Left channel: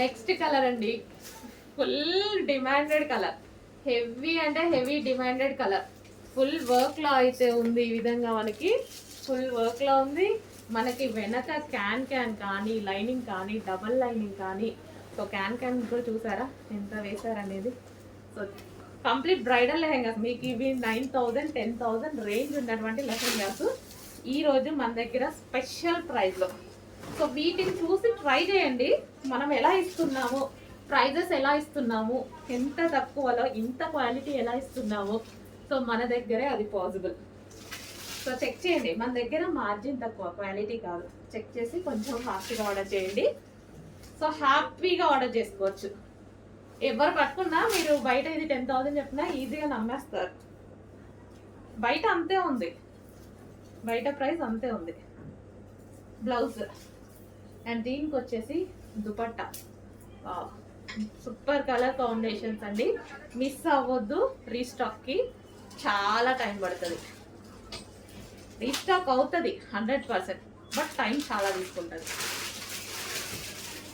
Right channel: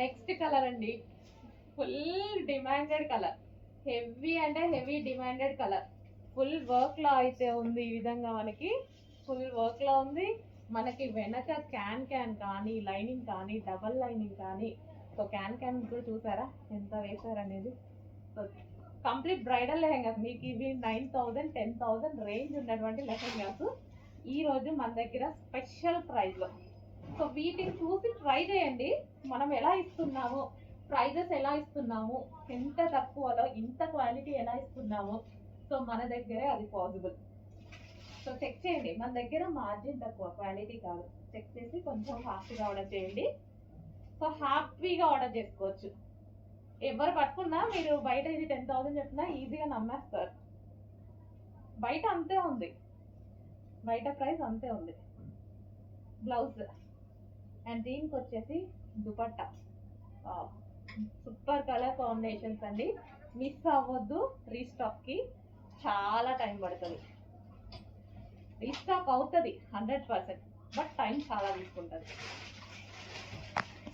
Next colour అండి, full demanded colour, heavy అంటే heavy demanded colour. Full వర్క్లో అయితే ఉంది. ఈ విధంగా మనకి ఫుల్ వర్క్లో ఉంది. మనకి వెనక క్యాన్ కానీ లైనింగ్ కానీ డబల్ లైనింగ్ కానీ, సో క్యాన్ కూడా చూసారా ఎంత వేశారనేది. సో కంప్లీట్ బ్రైడల్ లెహెంగాస్ మీకు ఇవి 9,000 10,000 రేంజ్ ఉన్నటువంటి లెహెంగాస్ ఈరోజు మన దగ్గర స్పెషల్ ప్రైస్లో. సో వీటిని చూసి ట్రై చేయండి, మనం ఎలా ఇస్తున్నాము, ప్రైజెస్ ఎలా ఇస్తున్నాము, ఎంత తక్కువలో ఇంత క్వాలిటీ ఎలా ఇస్తున్నాము. సో మన దగ్గరే అది పాసిబుల్. సో చెక్ చేయండి, మన దగ్గర మార్జిన్ తక్కువ, క్వాలిటీ కాదు. చెక్ చేసి కొంచెం ఫాస్ట్గా ఆర్డర్ చేయండి. సో హ్యాపీగా ఆర్డర్ చేసుకోవచ్చు. ఎవరు పట్టుకున్నా మీరు బయట ఇది 10,000 చెప్పినా ఈజీగా నమ్మేస్తారు. బయట అంతే ఉంది, బయట ప్రైస్ అంతే ఉంది. బ్లౌజ్ అండ్ దీనికి వచ్చేసి దుపట్టా. సూపర్ కలర్ కాంబినేషన్స్ అండి, మిస్ అవ్వద్దు. రీస్టాక్కి చాలా టైం పడుతుంది. రీస్టాక్ అవుతుంది 100%, బట్ టైం చాలా తీసుకుంటుంది.